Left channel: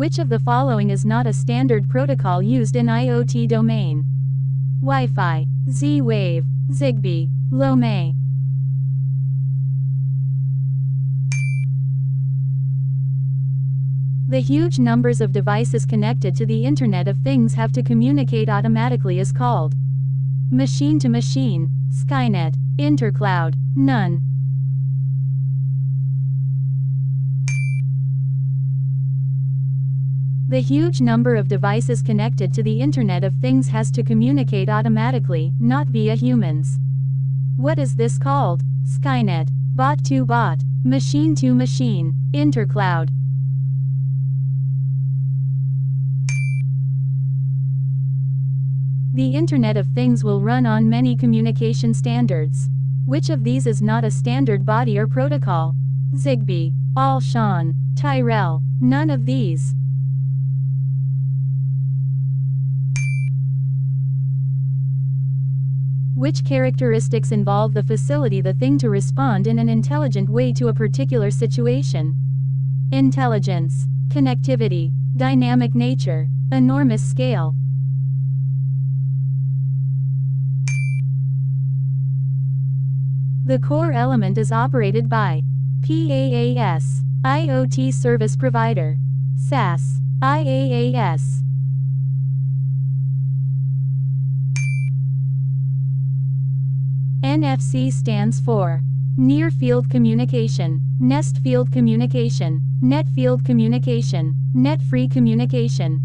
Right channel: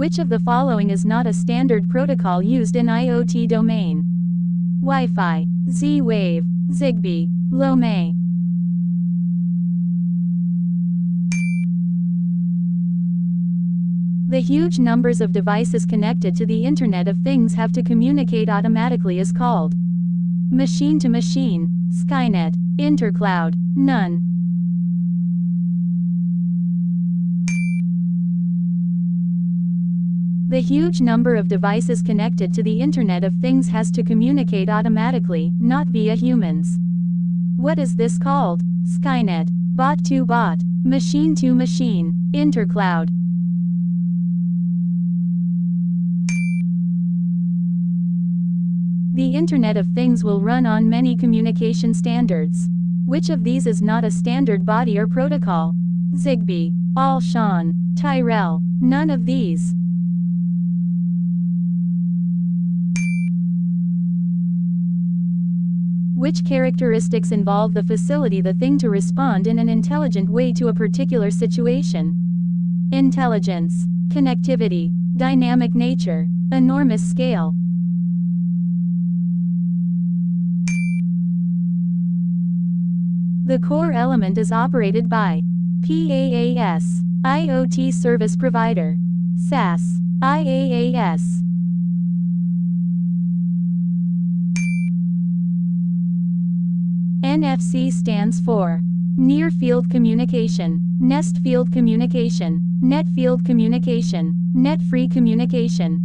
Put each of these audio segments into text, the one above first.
Which of the following is not a standard protocol used in IoT domain? Wi-Fi, Z-Wave, Zigbee, LoMe. The huge numbers of devices connected to the Internet of Things have to communicate automatically is called machine-to-machine, Skynet, intercloud, none. The huge number of devices connected to the Internet of Things has to communicate automatically, not via humans. What is this called? Skynet, bot-to-bot, machine-to-machine, intercloud. The Internet of Things will run on many communication standards. Which of these is not a standard body or protocol? Zigbee, All-SHAN, Tyrell, none of these. Which characteristics involve the facility the thing to respond in an intelligent way to a particular situation? Intelligence, connectivity, dynamic nature, enormous scale. The core element is operated by PaaS, IoT Service Provider, SaaS, IaaS. NFC stands for Near Field Communication, Nest Field Communication, Net Field Communication, Net-Free Communication.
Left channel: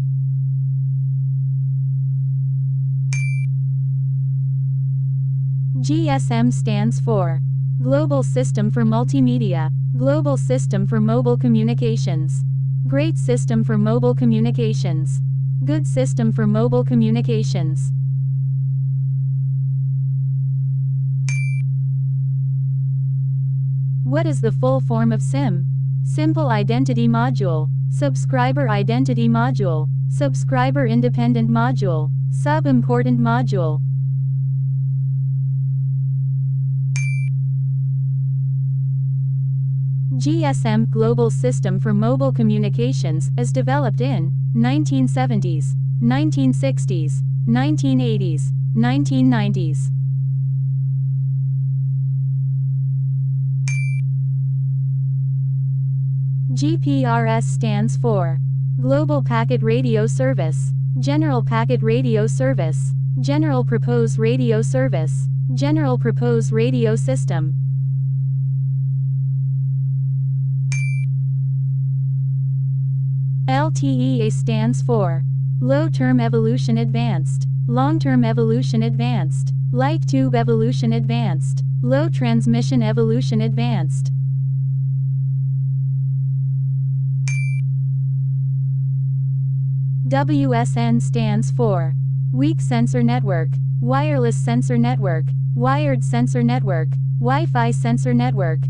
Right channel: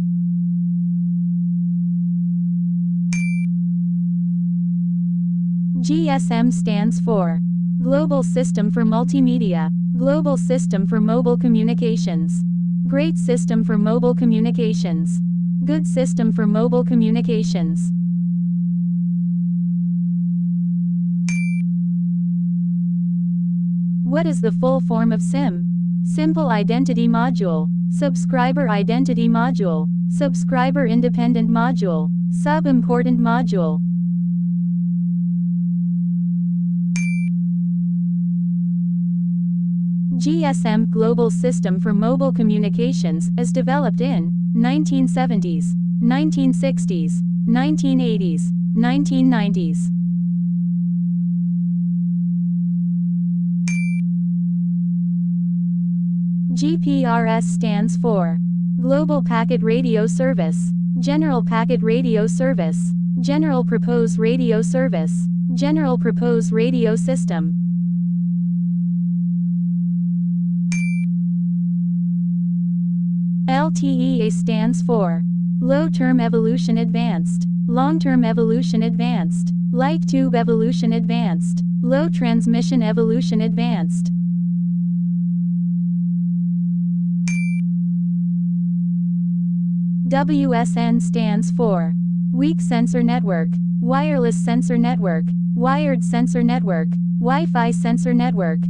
GSM stands for Global System for Multimedia, Global System for Mobile Communications, Great System for Mobile Communications, Good System for Mobile Communications. What is the full form of SIM? Simple Identity Module, Subscriber Identity Module, Subscriber Independent Module, Sub-Important Module. GSM, Global System for Mobile Communications, is developed in 1970s, 1960s, 1980s, 1990s. GPRS stands for Global Packet Radio Service, General Packet Radio Service, General Purpose Radio Service, General Purpose Radio System. LTE stands for Low Term Evolution Advanced, Long Term Evolution Advanced, Light Tube Evolution Advanced, Low Transmission Evolution Advanced. WSN stands for Weak Sensor Network, Wireless Sensor Network, Wired Sensor Network, Wi-Fi Sensor Network.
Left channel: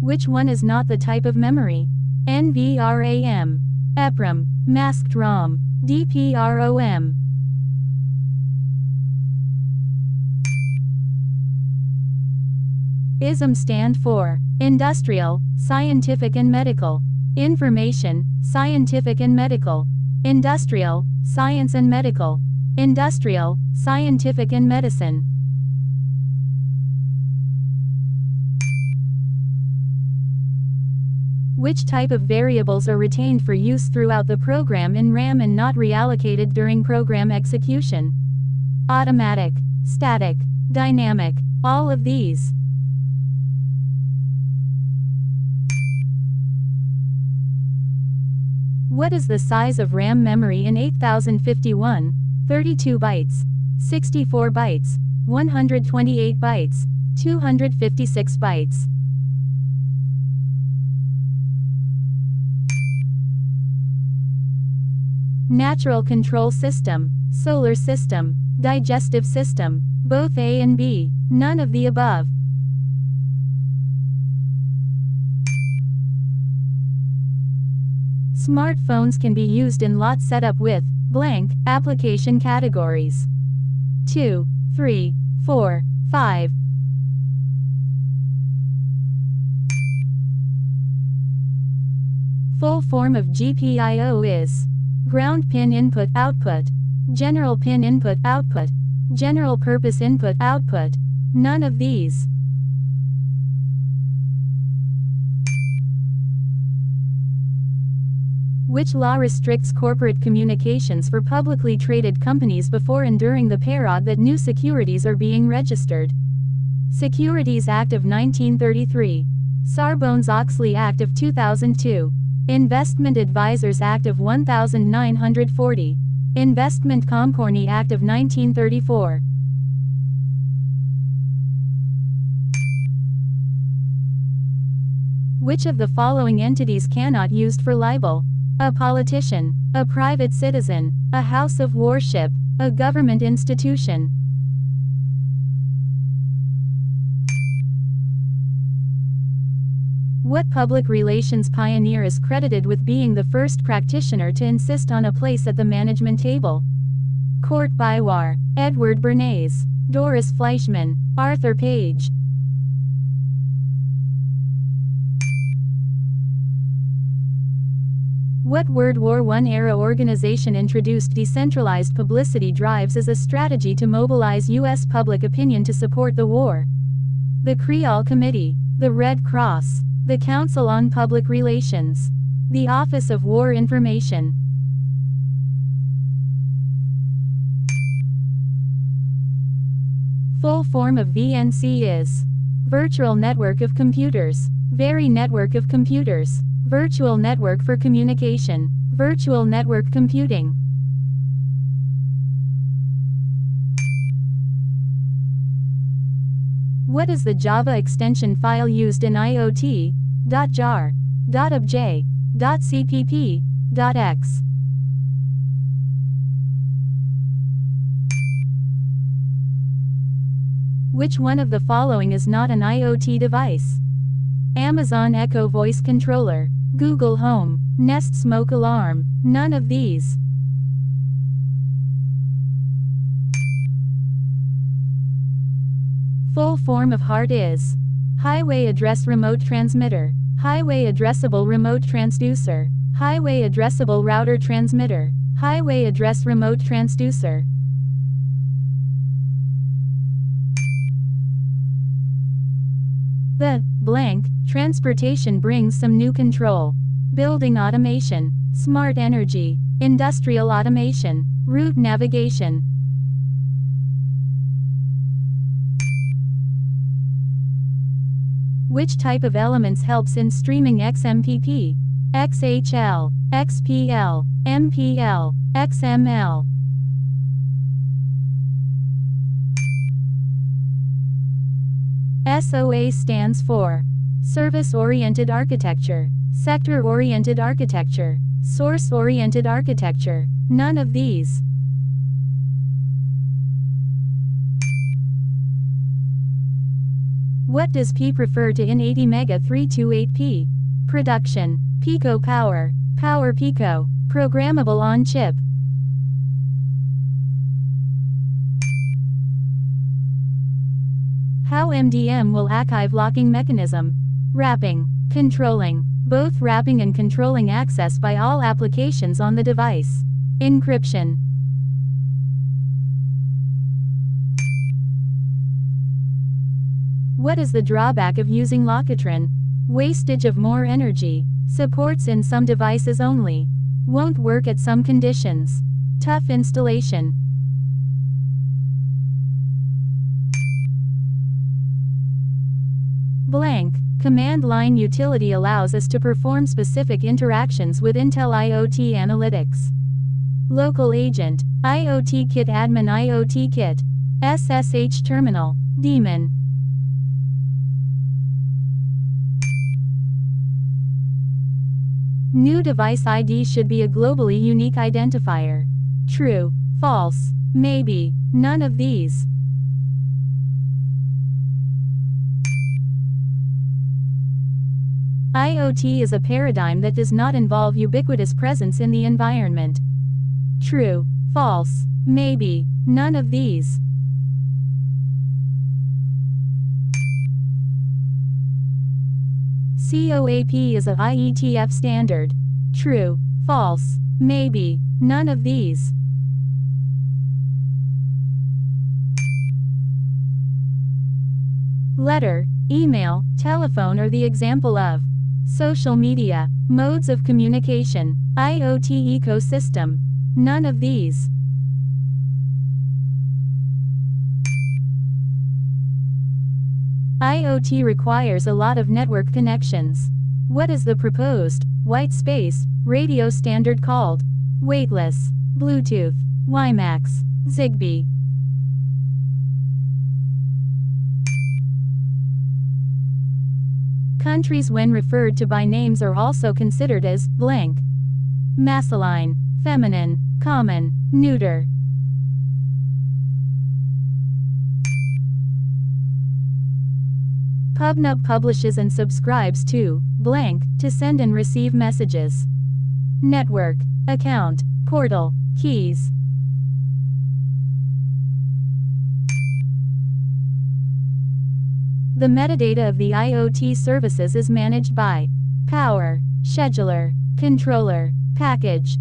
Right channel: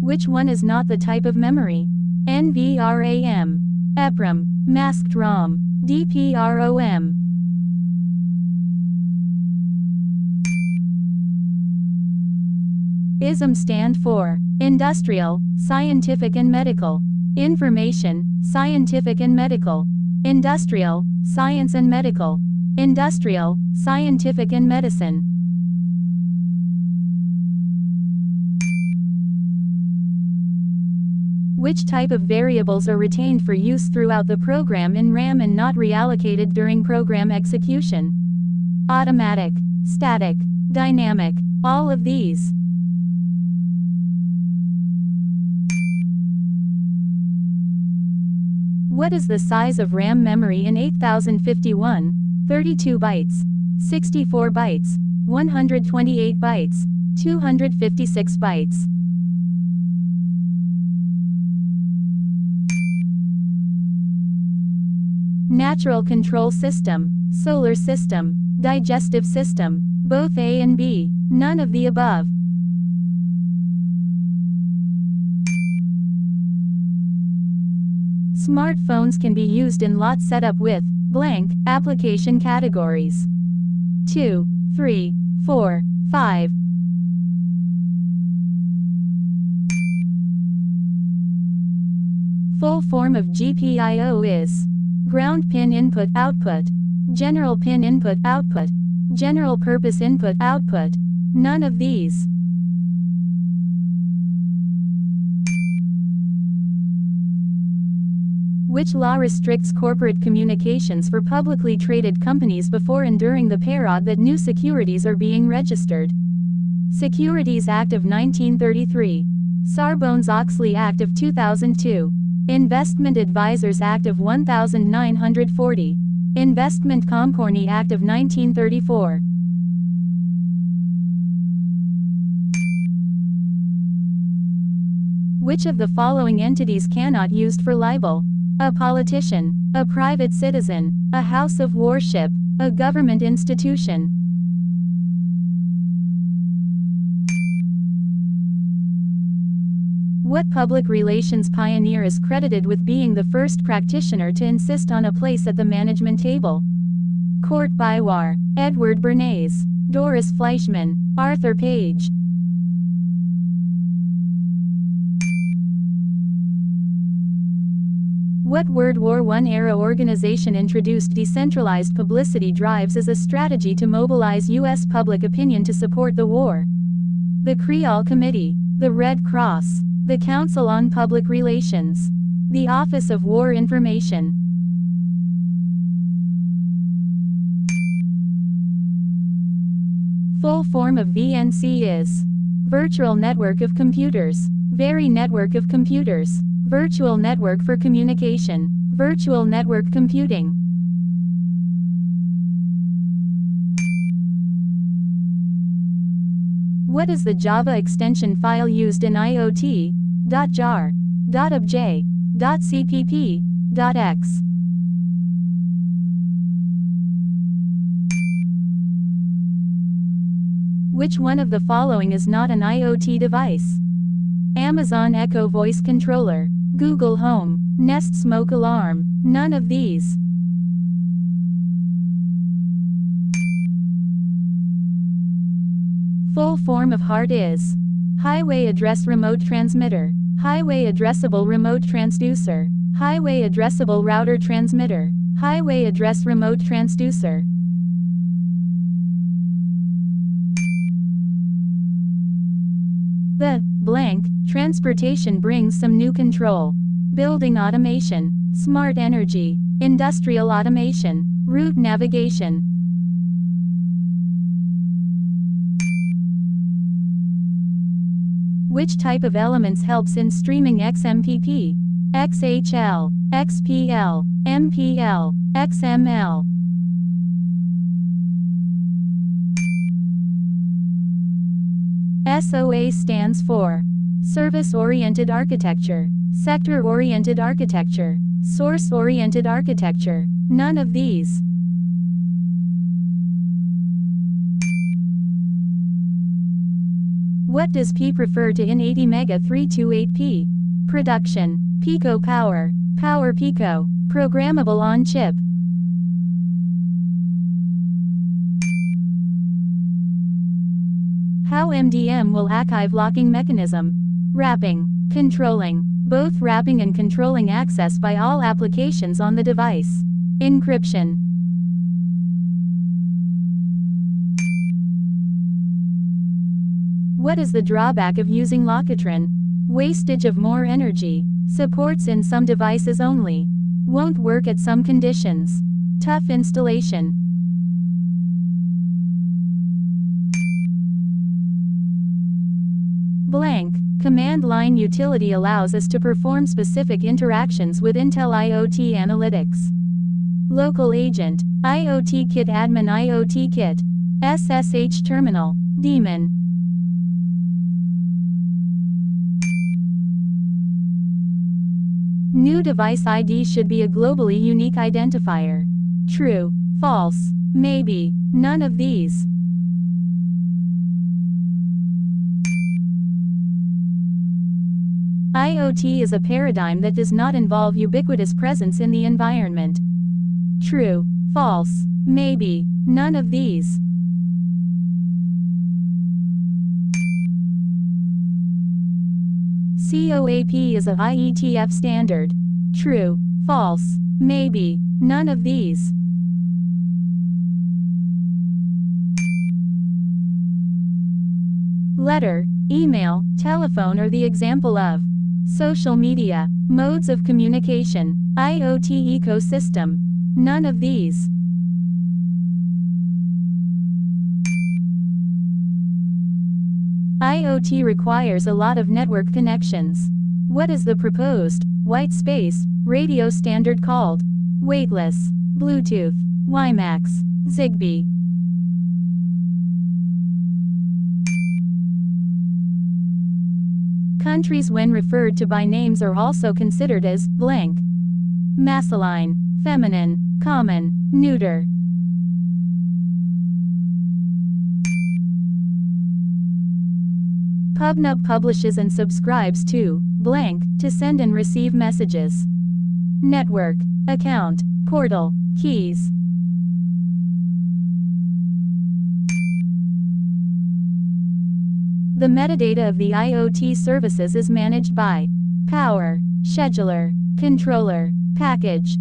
Which one is not the type of memory? NVRAM, EPROM, Masked ROM, DPROM. ISM stand for Industrial, Scientific and Medical, Information, Scientific and Medical, Industrial, Science and Medical, Industrial, Scientific and Medicine. Which type of variables are retained for use throughout the program in RAM and not reallocated during program execution? Automatic, static, dynamic, all of these. What is the size of RAM memory in 8051, 32 bytes, 64 bytes, 128 bytes, 256 bytes? Natural control system, solar system, digestive system, both A and B, none of the above. Smartphones can be used in lot setup with blank application categories 2, 3, 4, 5. Full form of GPIO is ground pin input output, general pin input output, general purpose input output. None of these. Which law restricts corporate communications for publicly traded companies before and during the period that new securities are being registered? Securities Act of 1933. Sarbanes-Oxley Act of 2002. Investment Advisors Act of 1940. Investment Company Act of 1934. Which of the following entities cannot be used for libel? A politician, a private citizen, a house of worship, a government institution. What public relations pioneer is credited with being the first practitioner to insist on a place at the management table? Court Biwar, Edward Bernays, Doris Fleischmann, Arthur Page. What World War I-era organization introduced decentralized publicity drives as a strategy to mobilize U.S. public opinion to support the war? The Creole Committee, the Red Cross, the Council on Public Relations, the Office of War Information. Full form of VNC is Virtual Network of Computers, Very Network of Computers, Virtual Network for Communication, Virtual Network Computing. What is the Java extension file used in IoT? .jar, .obj, .cpp, .x. Which one of the following is not an IoT device? Amazon Echo Voice Controller, Google Home, Nest Smoke Alarm. None of these. Full form of HART is Highway Address Remote Transmitter, Highway Addressable Remote Transducer, Highway Addressable Router Transmitter, Highway Address Remote Transducer. The blank transportation brings some new control. Building automation, smart energy, industrial automation, route navigation. Which type of elements helps in streaming XMPP? XHL, XPL, MPL, XML. SOA stands for Service-Oriented Architecture, Sector-Oriented Architecture, Source-Oriented Architecture. None of these. What does P refer to in 80 Mega 328P? Production, Pico Power, Power Pico, Programmable on Chip. How MDM will archive locking mechanism? Wrapping, controlling, both wrapping and controlling access by all applications on the device. Encryption. What is the drawback of using Lockitron? Wastage of more energy. Supports in some devices only. Won't work at some conditions. Tough installation. Blank. Command line utility allows us to perform specific interactions with Intel IoT analytics. Local agent, IoT kit admin IoT kit, SSH terminal, daemon. New device ID should be a globally unique identifier. True, false, maybe, none of these. IoT is a paradigm that does not involve ubiquitous presence in the environment. True, false, maybe, none of these. COAP is a IETF standard. true, false, maybe, none of these. Letter, email, telephone are the example of social media, modes of communication, IoT ecosystem. None of these. IoT requires a lot of network connections. What is the proposed white space radio standard called? Weightless, Bluetooth, WiMAX, Zigbee. Countries when referred to by names are also considered as blank. Masculine, feminine, common, neuter. PubNub publishes and subscribes to blank to send and receive messages. Network, account, portal, keys. The metadata of the IoT services is managed by power, scheduler, controller, package.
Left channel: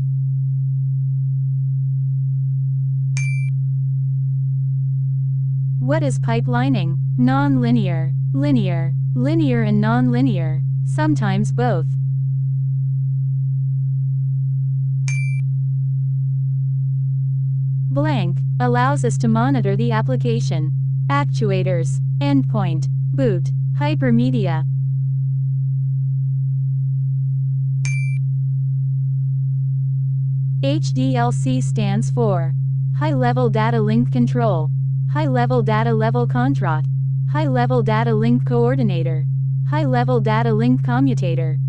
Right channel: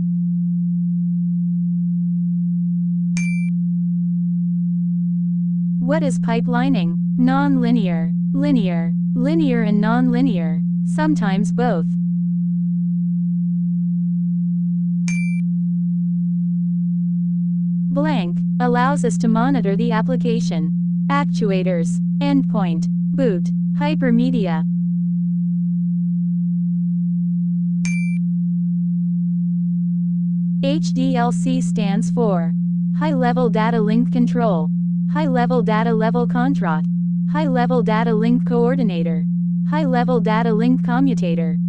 What is pipelining? Non-linear, linear, linear and non-linear, sometimes both. Blank allows us to monitor the application. Actuators, endpoint, boot, hypermedia. HDLC stands for High-Level Data Link Control, High-Level Data Level Contract, High-Level Data Link Coordinator, High-Level Data Link Commutator.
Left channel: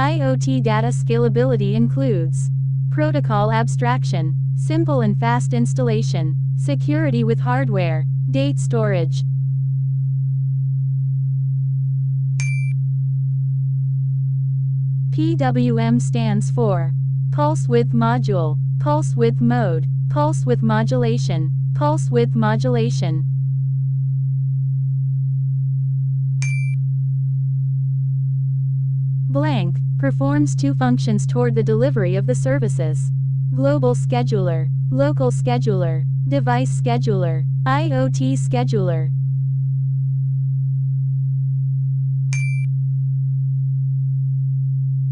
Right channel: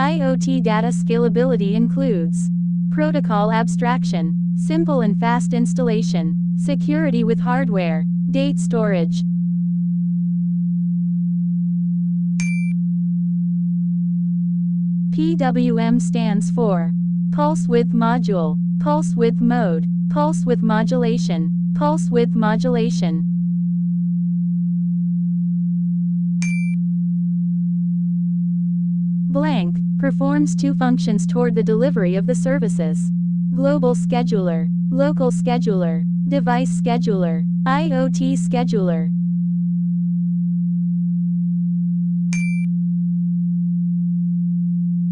IoT data scalability includes protocol abstraction, simple and fast installation, security with hardware, date storage. PWM stands for Pulse Width Module, Pulse Width Mode, Pulse Width Modulation, Pulse Width Modulation. Blank performs two functions toward the delivery of the services. Global scheduler, local scheduler, device scheduler, IoT scheduler.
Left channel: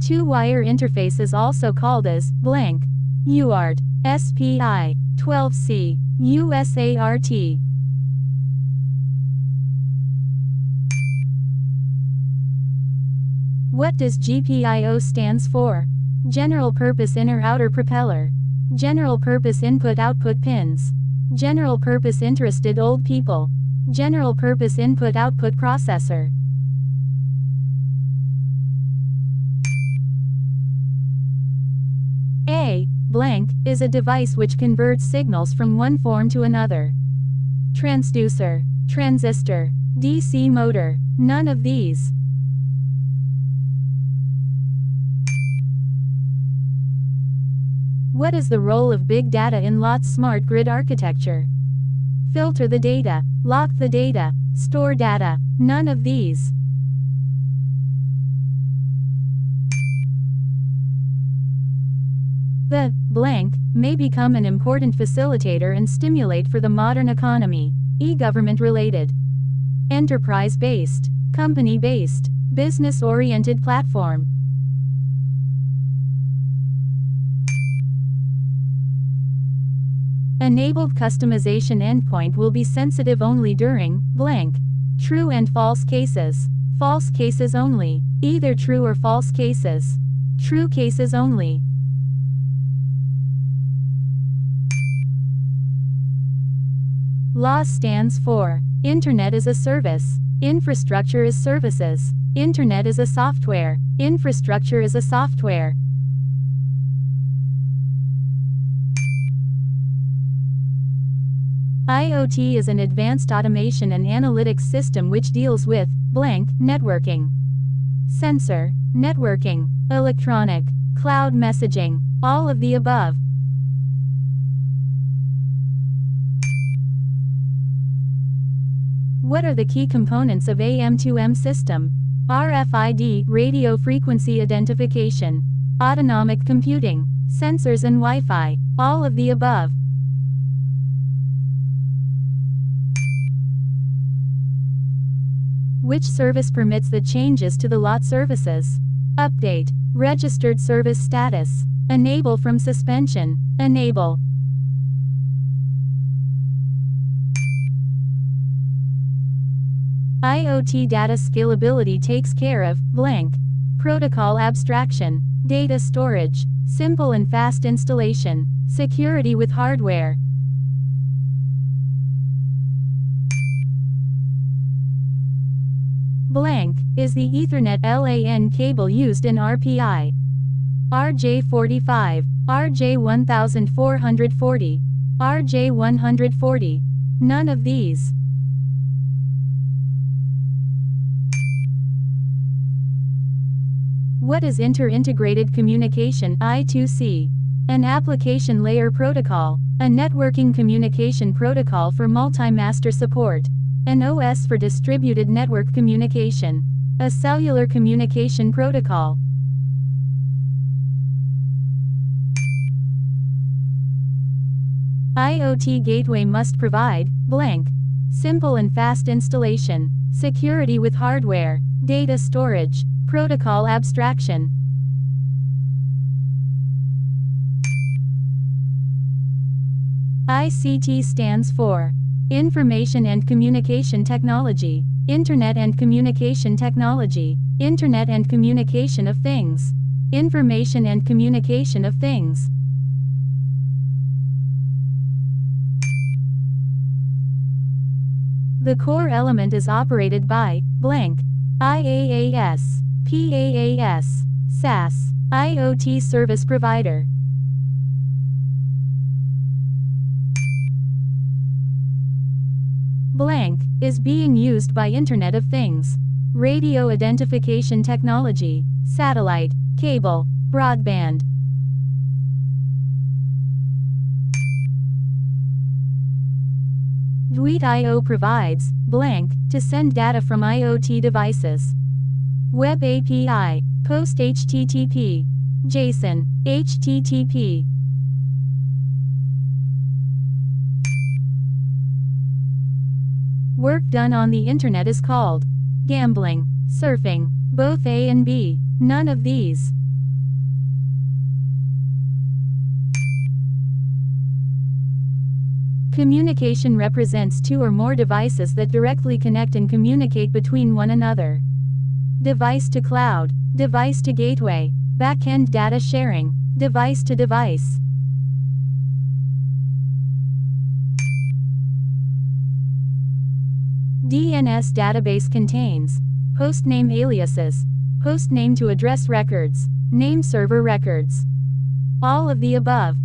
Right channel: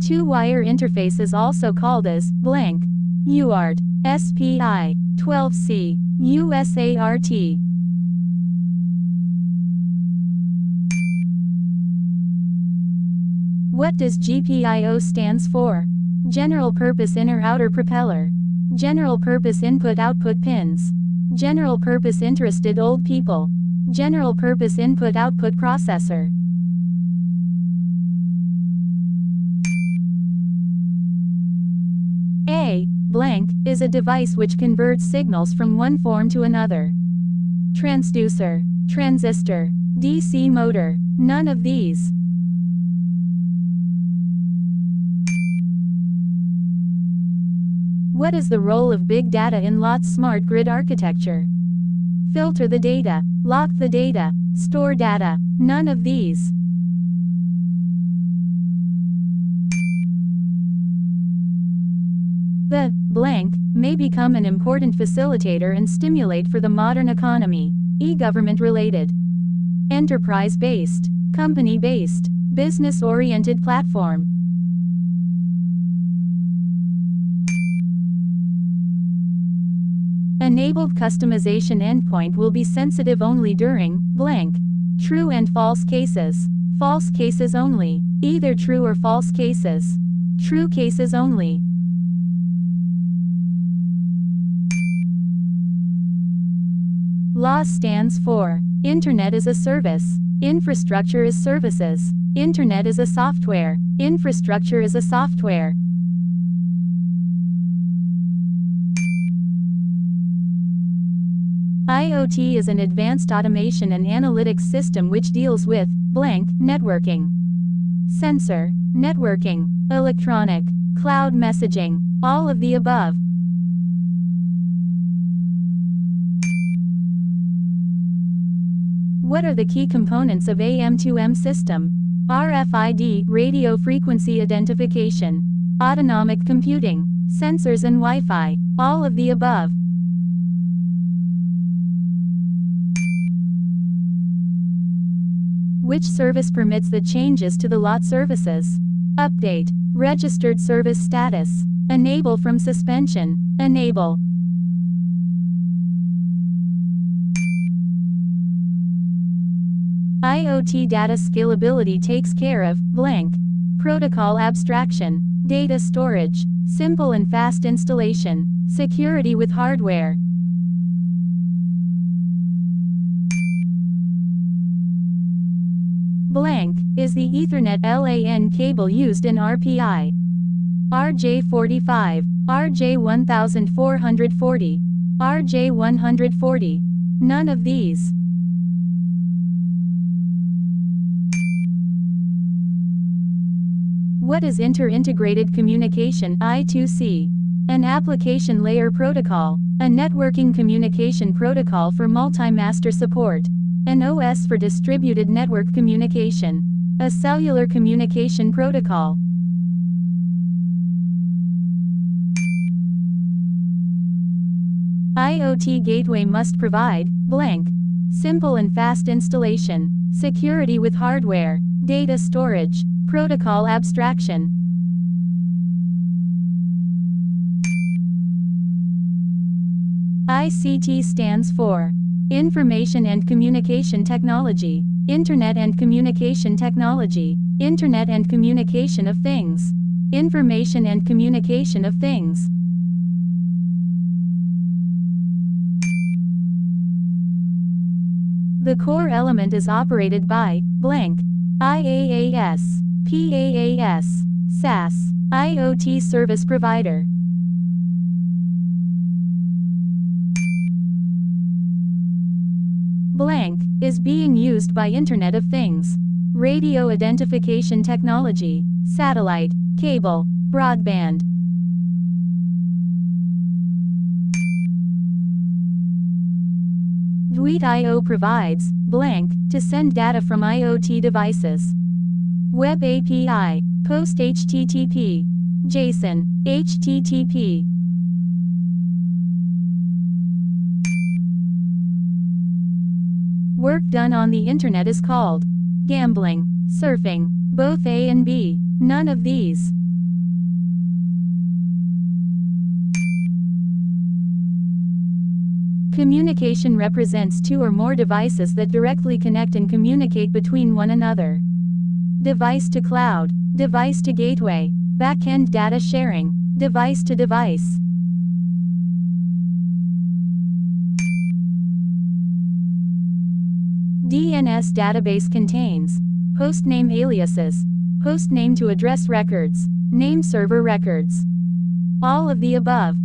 Two-wire interface is also called as blank UART, SPI, 12C, USART. What does GPIO stands for? General Purpose Inner-Outer Propeller, General Purpose Input-Output Pins, General Purpose Interested Old People, General Purpose Input-Output Processor. A blank is a device which converts signals from one form to another. Transducer, transistor, DC motor, none of these. What is the role of big data in LOT's smart grid architecture? Filter the data, lock the data, store data, none of these. The blank may become an important facilitator and stimulate for the modern economy. E-government related, enterprise-based, company-based, business-oriented platform. Enabled customization endpoint will be sensitive only during blank true and false cases. False cases only. Either true or false cases. True cases only. LAS stands for Internet as a Service. Infrastructure as Services. Internet as a software. Infrastructure as a software. IoT is an advanced automation and analytics system which deals with blank networking, sensor, networking, electronic, cloud messaging, all of the above. What are the key components of AM2M system? RFID, radio frequency identification, autonomic computing, sensors and Wi-Fi, all of the above. Which service permits the changes to the lot services? Update, registered service status, enable from suspension, enable. IoT data scalability takes care of blank. Protocol abstraction, data storage, simple and fast installation, security with hardware. Blank is the Ethernet LAN cable used in RPI. RJ45, RJ1440, RJ140. None of these. What is Inter-Integrated Communication I2C? An application layer protocol, a networking communication protocol for multi-master support, an OS for distributed network communication, a cellular communication protocol. IoT gateway must provide blank. Simple and fast installation, security with hardware, data storage, protocol abstraction. ICT stands for Information and Communication Technology, Internet and Communication Technology, Internet and Communication of Things, Information and Communication of Things. The core element is operated by blank. IaaS, PaaS, SaaS, IoT service provider. Blank is being used by Internet of Things, radio identification technology, satellite, cable, broadband. DWIT-IO provides blank to send data from IoT devices. Web API, POST HTTP, JSON, HTTP. Work done on the internet is called gambling, surfing, both A and B, none of these. Communication represents two or more devices that directly connect and communicate between one another. Device to cloud, device to gateway, backend data sharing, device to device. DNS database contains hostname aliases, hostname to address records, name server records. All of the above.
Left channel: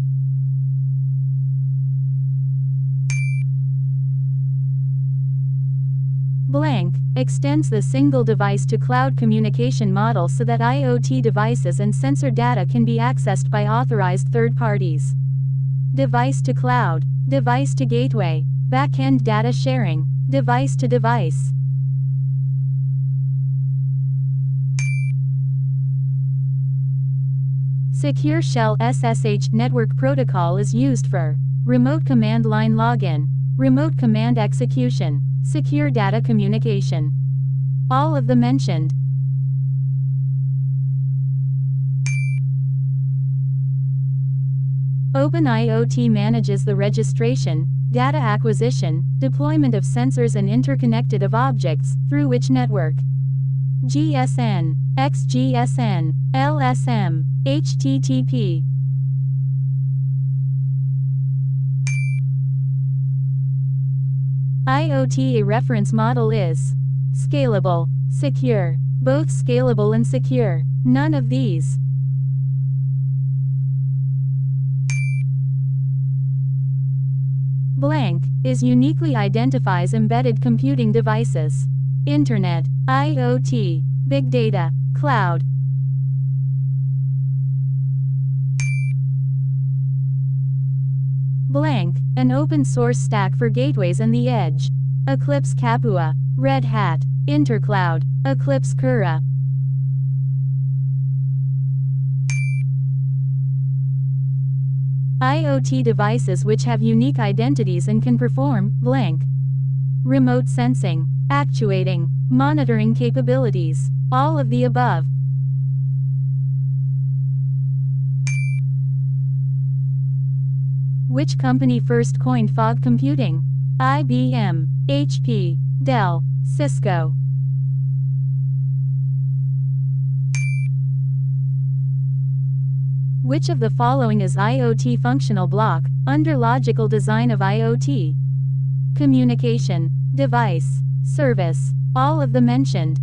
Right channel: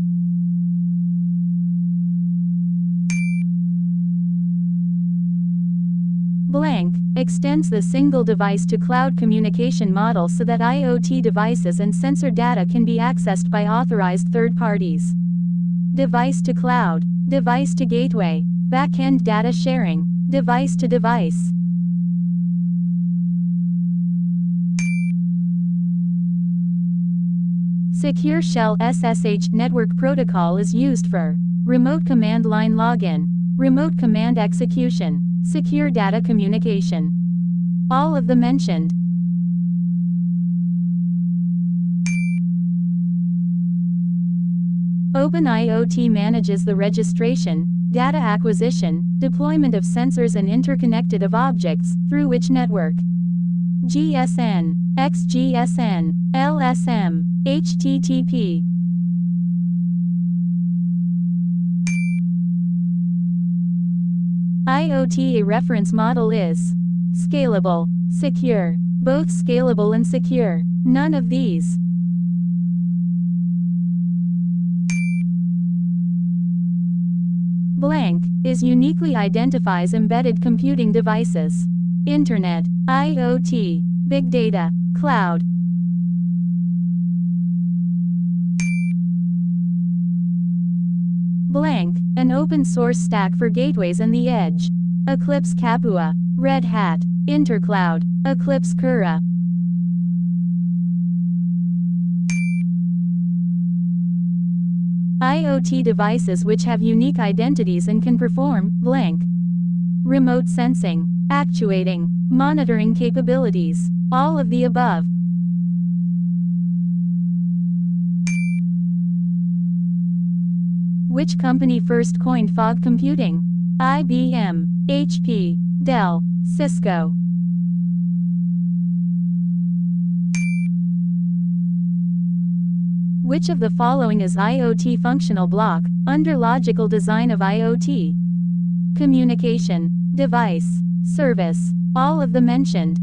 Blank extends the single device to cloud communication model so that IoT devices and sensor data can be accessed by authorized third parties. Device to cloud, device to gateway, backend data sharing, device to device. Secure Shell SSH network protocol is used for remote command line login, remote command execution, secure data communication. All of the mentioned. OpenIoT manages the registration, data acquisition, deployment of sensors and interconnected of objects, through which network. GSN, XGSN, LSM, HTTP. IoT a reference model is scalable, secure, both scalable and secure, none of these. Blank is uniquely identifies embedded computing devices. Internet, IoT, big data, cloud. Blank, an open source stack for gateways and the edge. Eclipse Capua, Red Hat, Intercloud, Eclipse Cura. IoT devices which have unique identities and can perform blank. Remote sensing, actuating, monitoring capabilities, all of the above. Which company first coined fog computing? IBM, HP, Dell, Cisco. Which of the following is IoT functional block, under logical design of IoT? Communication, device, service, all of the mentioned.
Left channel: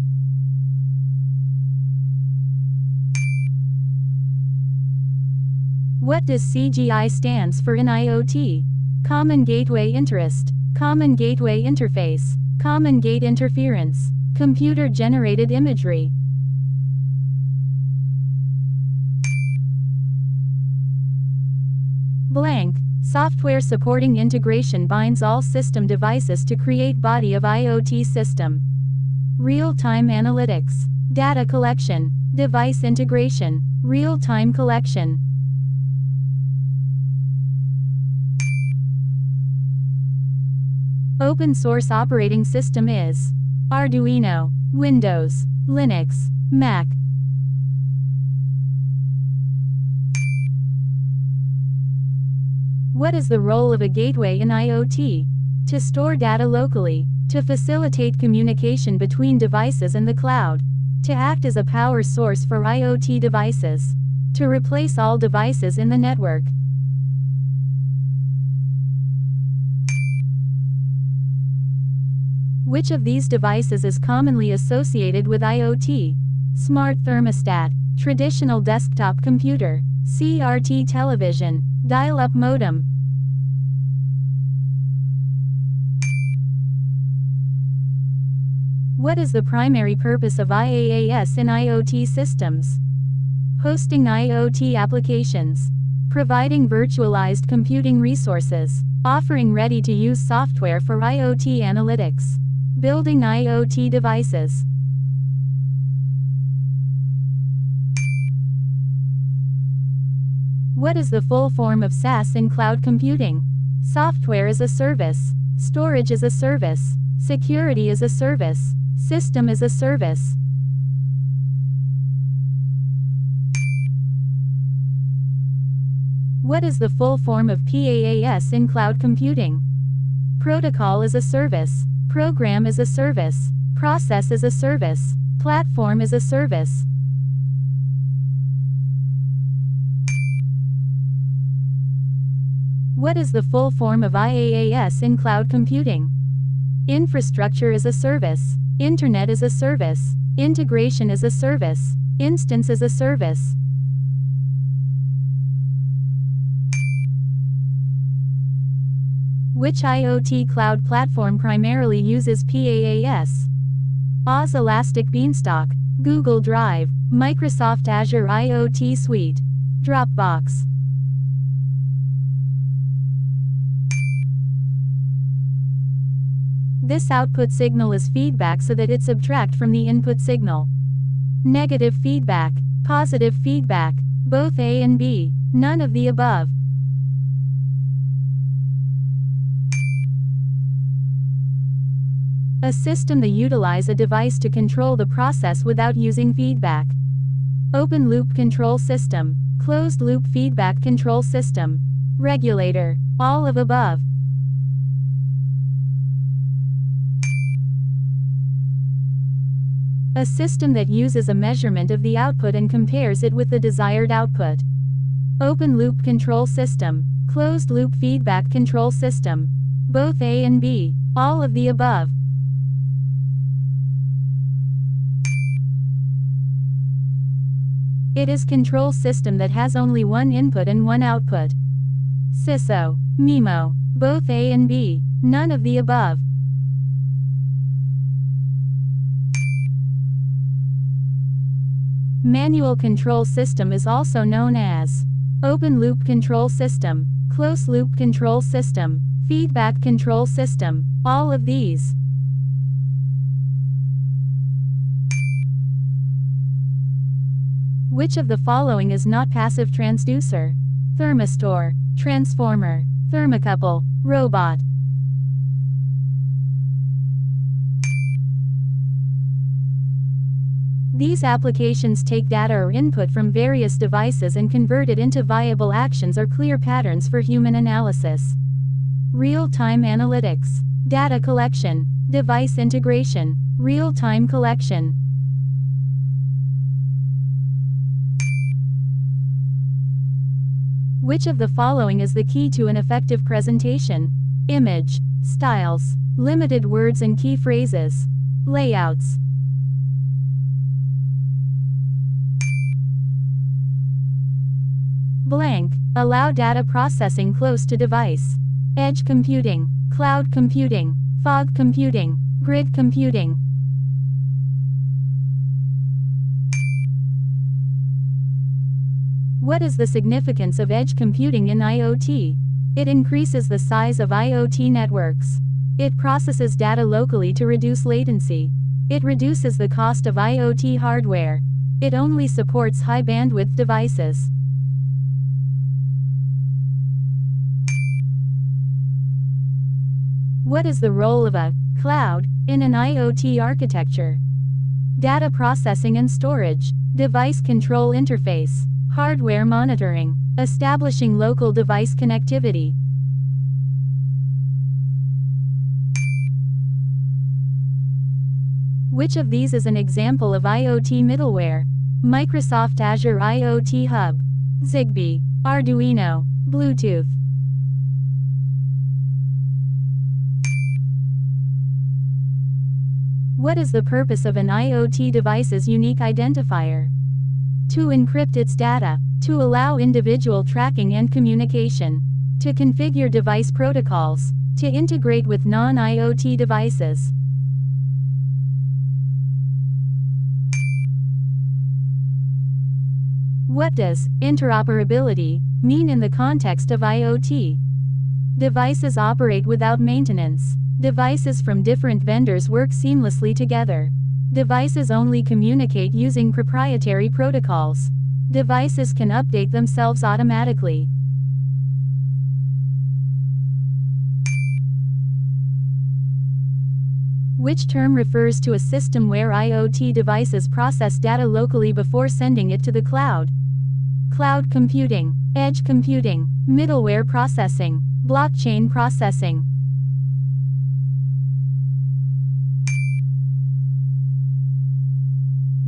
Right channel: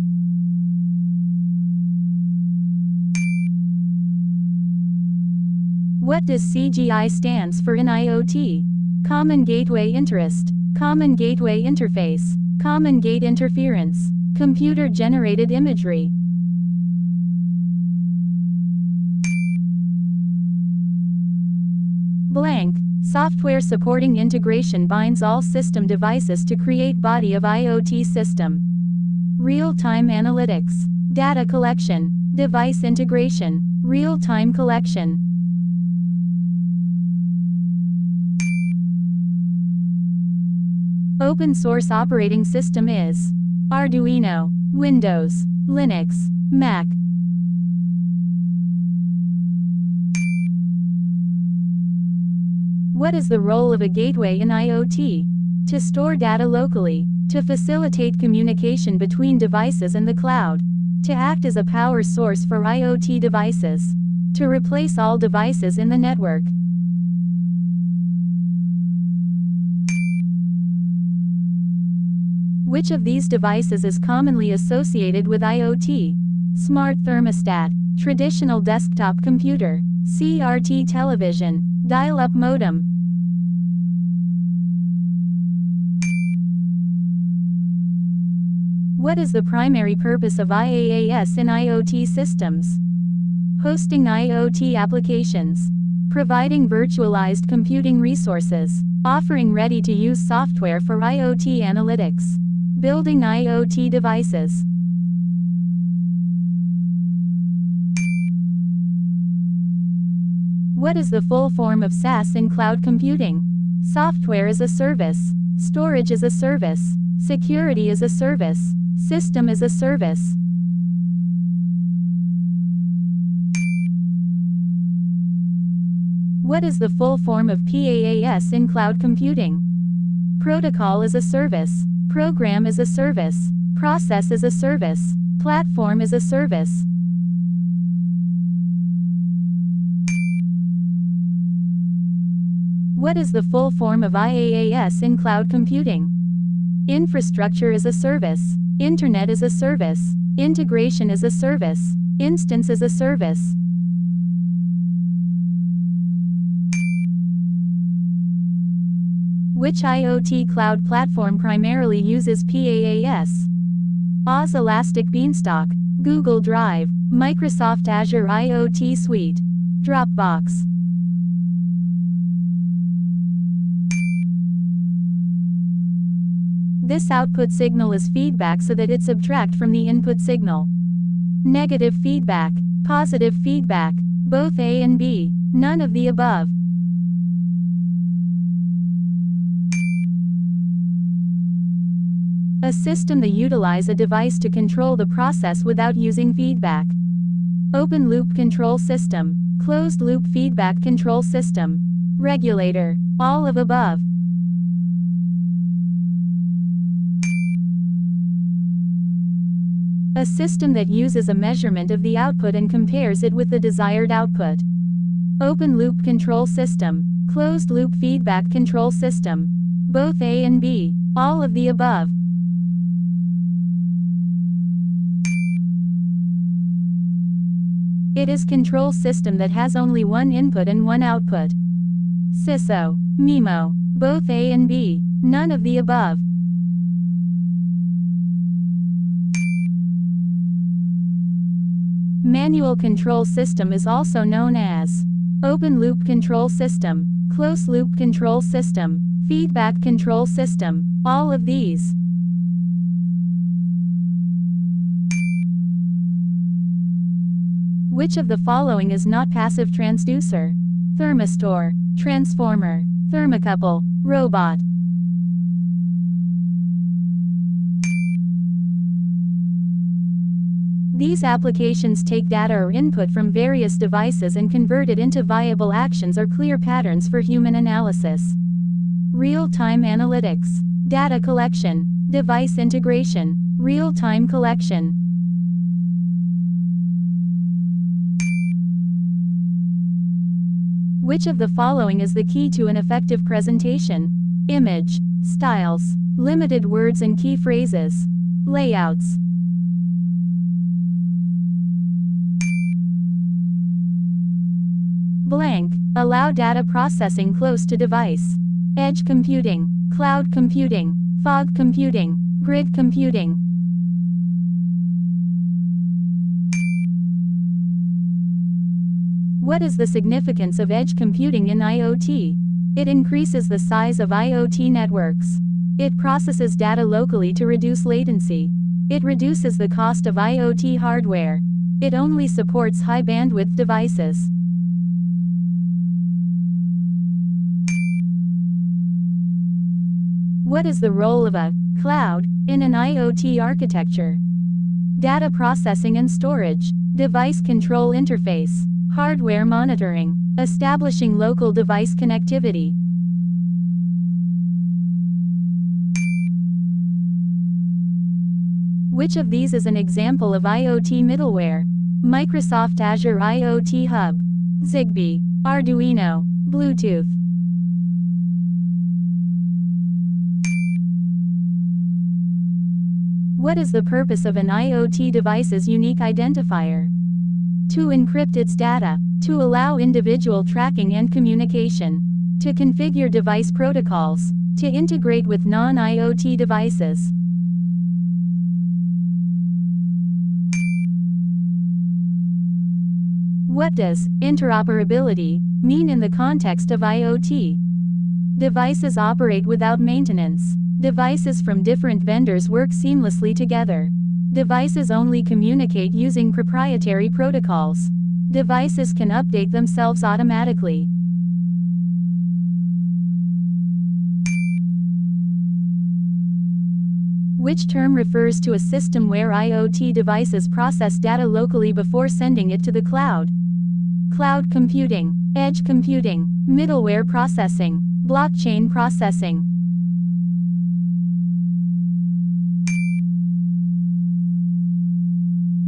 What does CGI stands for in IoT? Common Gateway Interest, Common Gateway Interface, Common Gate Interference, Computer-Generated Imagery. Blank. Software supporting integration binds all system devices to create body of IoT system. Real-time analytics, data collection, device integration, real-time collection. Open source operating system is Arduino, Windows, Linux, Mac. What is the role of a gateway in IoT? To store data locally, to facilitate communication between devices and the cloud, to act as a power source for IoT devices, to replace all devices in the network. Which of these devices is commonly associated with IoT? Smart thermostat, traditional desktop computer, CRT television, dial-up modem. What is the primary purpose of IaaS in IoT systems? Hosting IoT applications, providing virtualized computing resources, offering ready-to-use software for IoT analytics, building IoT devices. What is the full form of SaaS in cloud computing? Software as a service, storage as a service, security as a service, system as a service. What is the full form of PaaS in cloud computing? Protocol as a service, program as a service, process as a service, platform as a service. What is the full form of IaaS in cloud computing? Infrastructure as a service, Internet as a service, integration as a service, instance as a service. Which IoT cloud platform primarily uses PaaS? Oz Elastic Beanstalk, Google Drive, Microsoft Azure IoT Suite, Dropbox. This output signal is feedback so that it subtract from the input signal. Negative feedback, positive feedback, both A and B, none of the above. A system that utilize a device to control the process without using feedback. Open loop control system, closed loop feedback control system, regulator, all of above. A system that uses a measurement of the output and compares it with the desired output. Open loop control system, closed loop feedback control system, both A and B, all of the above. It is control system that has only one input and one output. SISO, MIMO, both A and B, none of the above. Manual control system is also known as open loop control system, closed loop control system, Feedback control system. All of these. Which of the following is not passive transducer? Thermistor, transformer, thermocouple, robot. These applications take data or input from various devices and convert it into viable actions or clear patterns for human analysis. Real-time analytics, data collection, device integration, real-time collection. Which of the following is the key to an effective presentation? Image, styles, limited words and key phrases, layouts. Blank, allow data processing close to device. Edge computing, cloud computing, fog computing, grid computing. What is the significance of edge computing in IoT? It increases the size of IoT networks. It processes data locally to reduce latency. It reduces the cost of IoT hardware. It only supports high bandwidth devices. What is the role of a cloud in an IoT architecture? Data processing and storage, device control interface, hardware monitoring, establishing local device connectivity. Which of these is an example of IoT middleware? Microsoft Azure IoT Hub, Zigbee, Arduino, Bluetooth. What is the purpose of an IoT device's unique identifier? To encrypt its data, to allow individual tracking and communication, to configure device protocols, to integrate with non-IoT devices. What does interoperability mean in the context of IoT? Devices operate without maintenance. Devices from different vendors work seamlessly together. Devices only communicate using proprietary protocols. Devices can update themselves automatically. Which term refers to a system where IoT devices process data locally before sending it to the cloud? Cloud computing, edge computing, middleware processing, blockchain processing.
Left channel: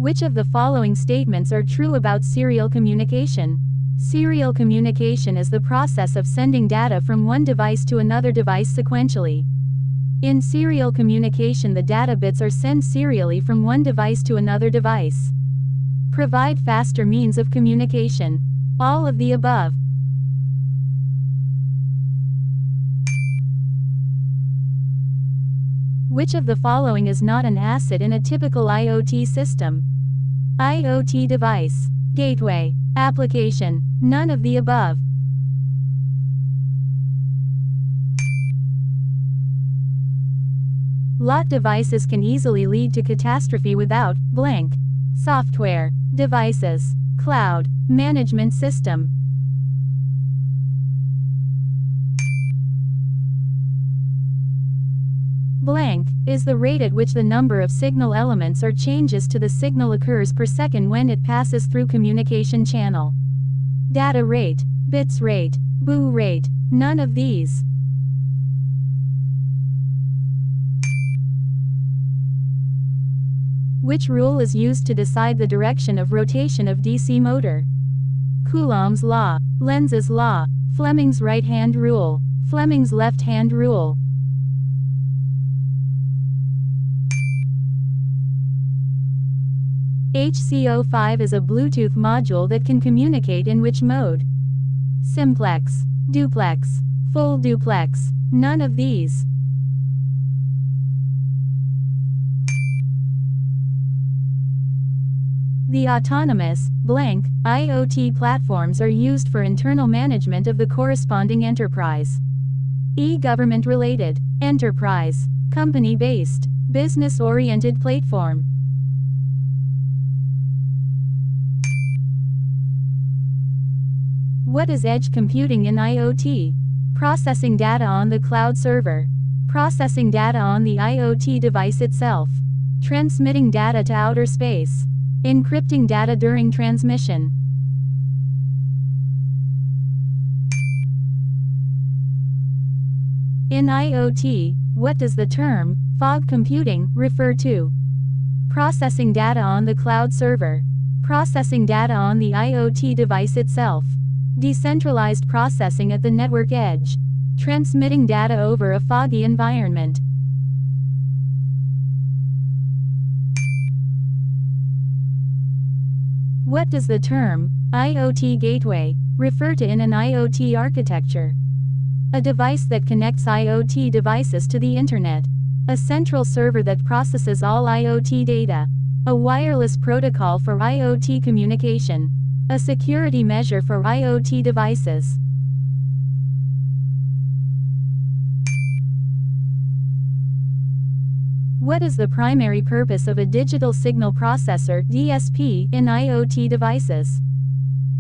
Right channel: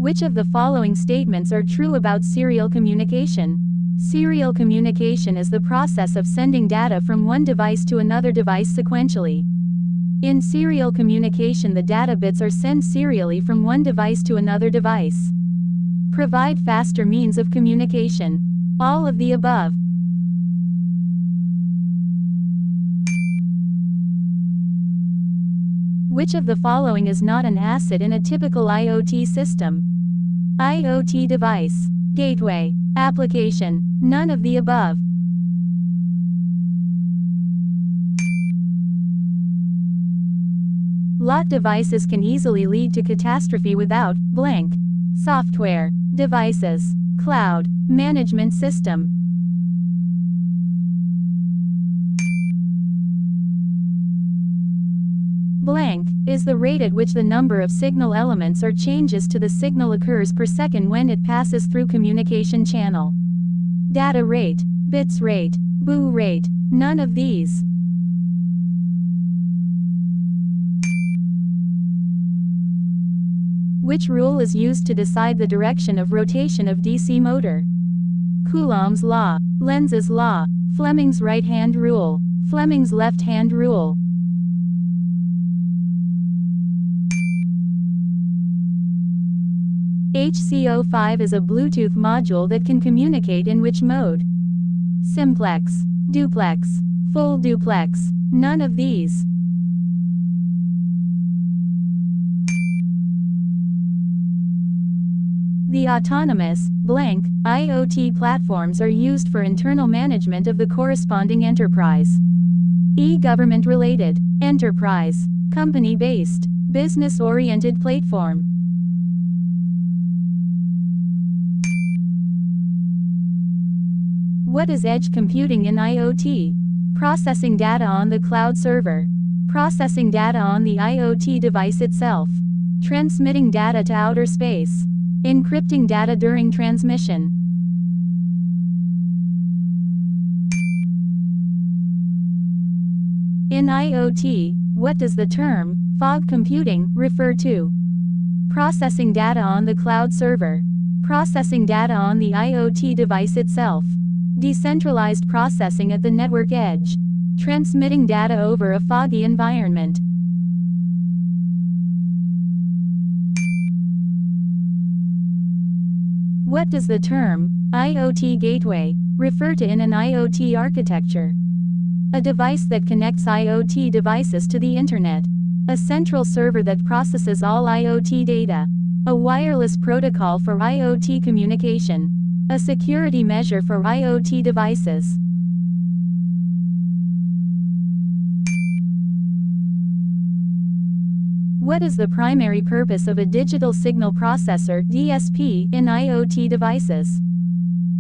Which of the following statements are true about serial communication? Serial communication is the process of sending data from one device to another device sequentially. In serial communication, the data bits are sent serially from one device to another device. Provide faster means of communication. All of the above. Which of the following is not an asset in a typical IoT system? IoT device, gateway, application, none of the above. Lot devices can easily lead to catastrophe without blank. Software, devices, cloud, management system. Blank is the rate at which the number of signal elements or changes to the signal occurs per second when it passes through communication channel. Data rate, bits rate, boot rate, none of these. Which rule is used to decide the direction of rotation of DC motor? Coulomb's law, Lenz's law, Fleming's right-hand rule, Fleming's left-hand rule. HC05 is a Bluetooth module that can communicate in which mode? Simplex, duplex, full duplex, none of these. The autonomous, blank, IoT platforms are used for internal management of the corresponding enterprise. E. Government-related, enterprise, company-based, business-oriented platform. What is edge computing in IoT? Processing data on the cloud server. Processing data on the IoT device itself. Transmitting data to outer space. Encrypting data during transmission. In IoT, what does the term fog computing refer to? Processing data on the cloud server. Processing data on the IoT device itself. Decentralized processing at the network edge. Transmitting data over a foggy environment. What does the term IoT gateway refer to in an IoT architecture? A device that connects IoT devices to the internet. A central server that processes all IoT data. A wireless protocol for IoT communication. A security measure for IoT devices. What is the primary purpose of a digital signal processor (DSP) in IoT devices?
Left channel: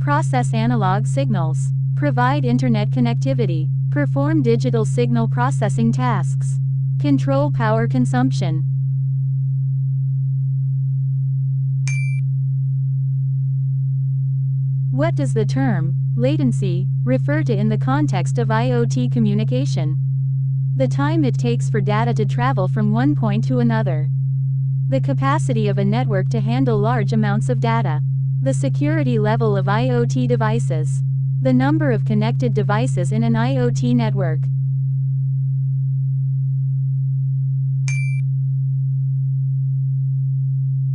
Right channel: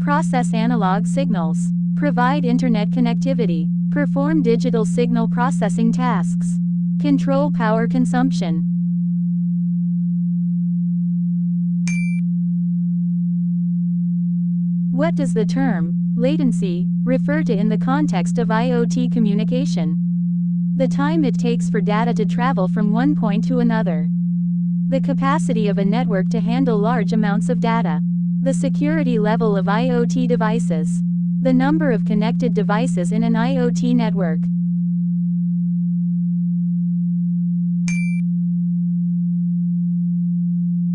Process analog signals. Provide internet connectivity. Perform digital signal processing tasks. Control power consumption. What does the term latency refer to in the context of IoT communication? The time it takes for data to travel from one point to another. The capacity of a network to handle large amounts of data. The security level of IoT devices. The number of connected devices in an IoT network.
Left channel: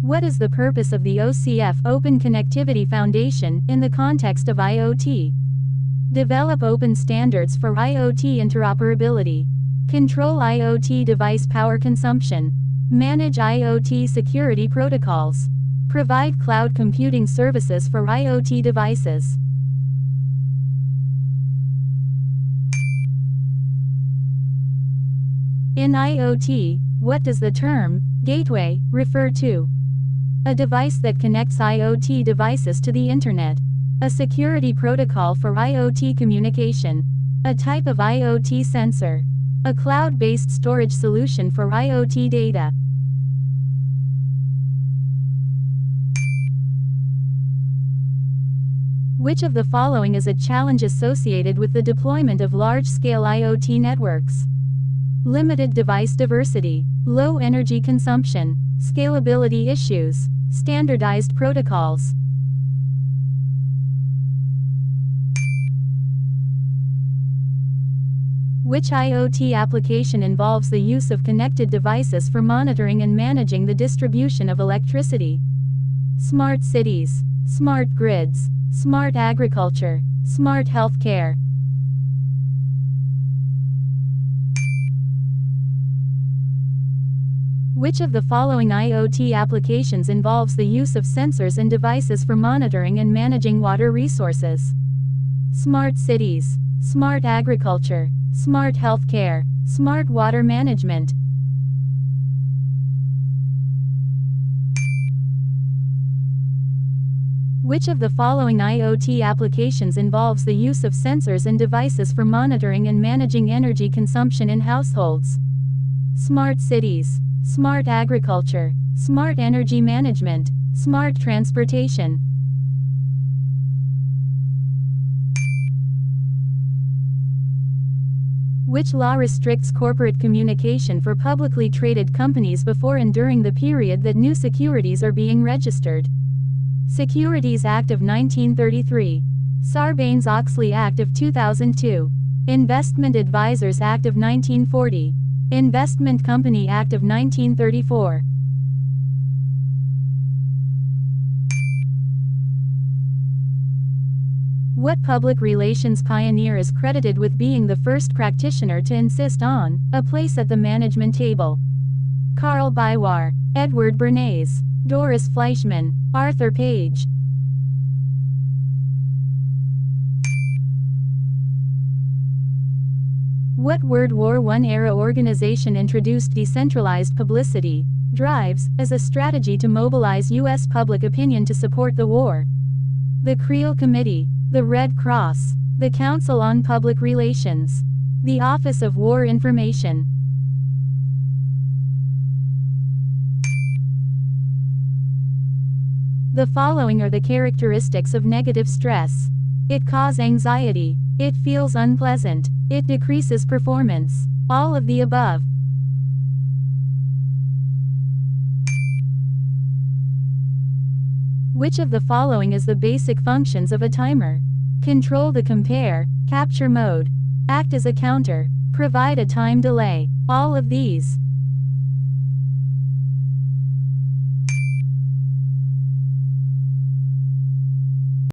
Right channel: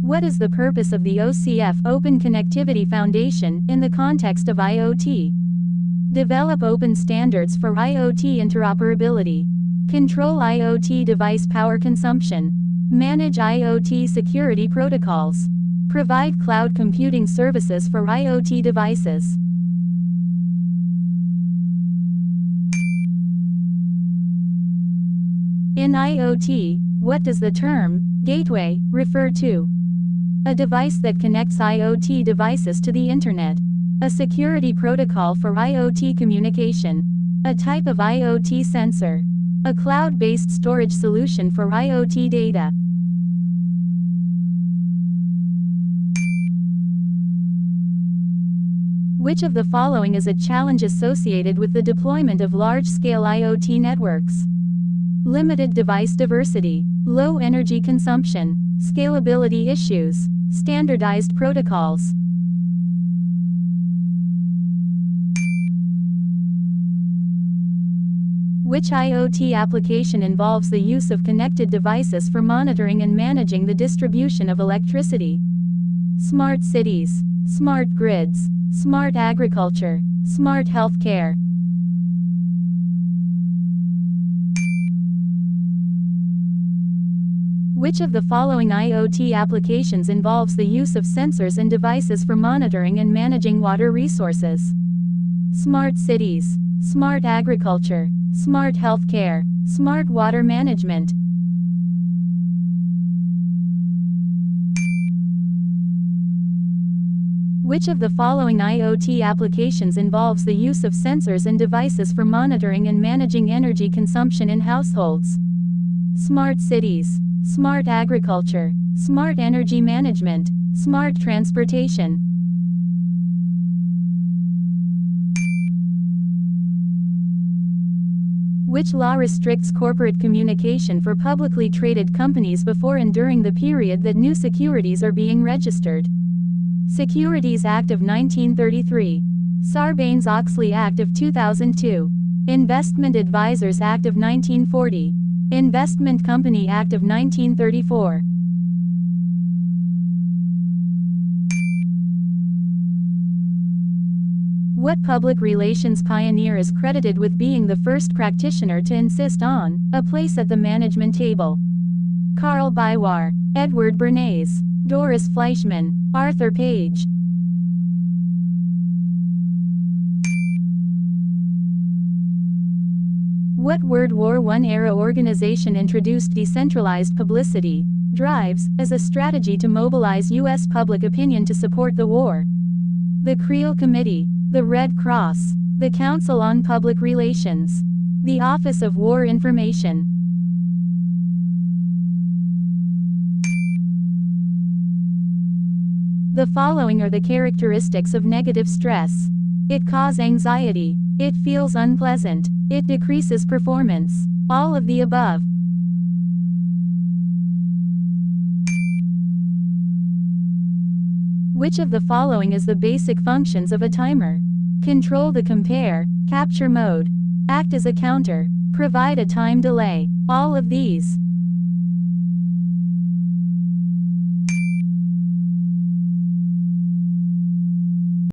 What is the purpose of the OCF Open Connectivity Foundation in the context of IoT? Develop open standards for IoT interoperability. Control IoT device power consumption. Manage IoT security protocols. Provide cloud computing services for IoT devices. In IoT, what does the term gateway refer to? A device that connects IoT devices to the internet. A security protocol for IoT communication. A type of IoT sensor. A cloud-based storage solution for IoT data. Which of the following is a challenge associated with the deployment of large-scale IoT networks? Limited device diversity, low energy consumption, scalability issues, standardized protocols. Which IoT application involves the use of connected devices for monitoring and managing the distribution of electricity? Smart cities, smart grids, smart agriculture, smart healthcare. Which of the following IoT applications involves the use of sensors and devices for monitoring and managing water resources? Smart cities, smart agriculture, smart healthcare, smart water management. Which of the following IoT applications involves the use of sensors and devices for monitoring and managing energy consumption in households? Smart cities, smart agriculture, smart energy management, smart transportation. Which law restricts corporate communication for publicly traded companies before and during the period that new securities are being registered? Securities Act of 1933. Sarbanes-Oxley Act of 2002. Investment Advisors Act of 1940. Investment Company Act of 1934. What public relations pioneer is credited with being the first practitioner to insist on a place at the management table? Carl Biwar, Edward Bernays, Doris Fleischmann, Arthur Page. What World War I era organization introduced decentralized publicity drives as a strategy to mobilize U.S. public opinion to support the war? The Creel Committee, the Red Cross, the Council on Public Relations, the Office of War Information. The following are the characteristics of negative stress. It causes anxiety. It feels unpleasant. It decreases performance. All of the above. Which of the following is the basic functions of a timer? Control the compare, capture mode. Act as a counter. Provide a time delay. All of these.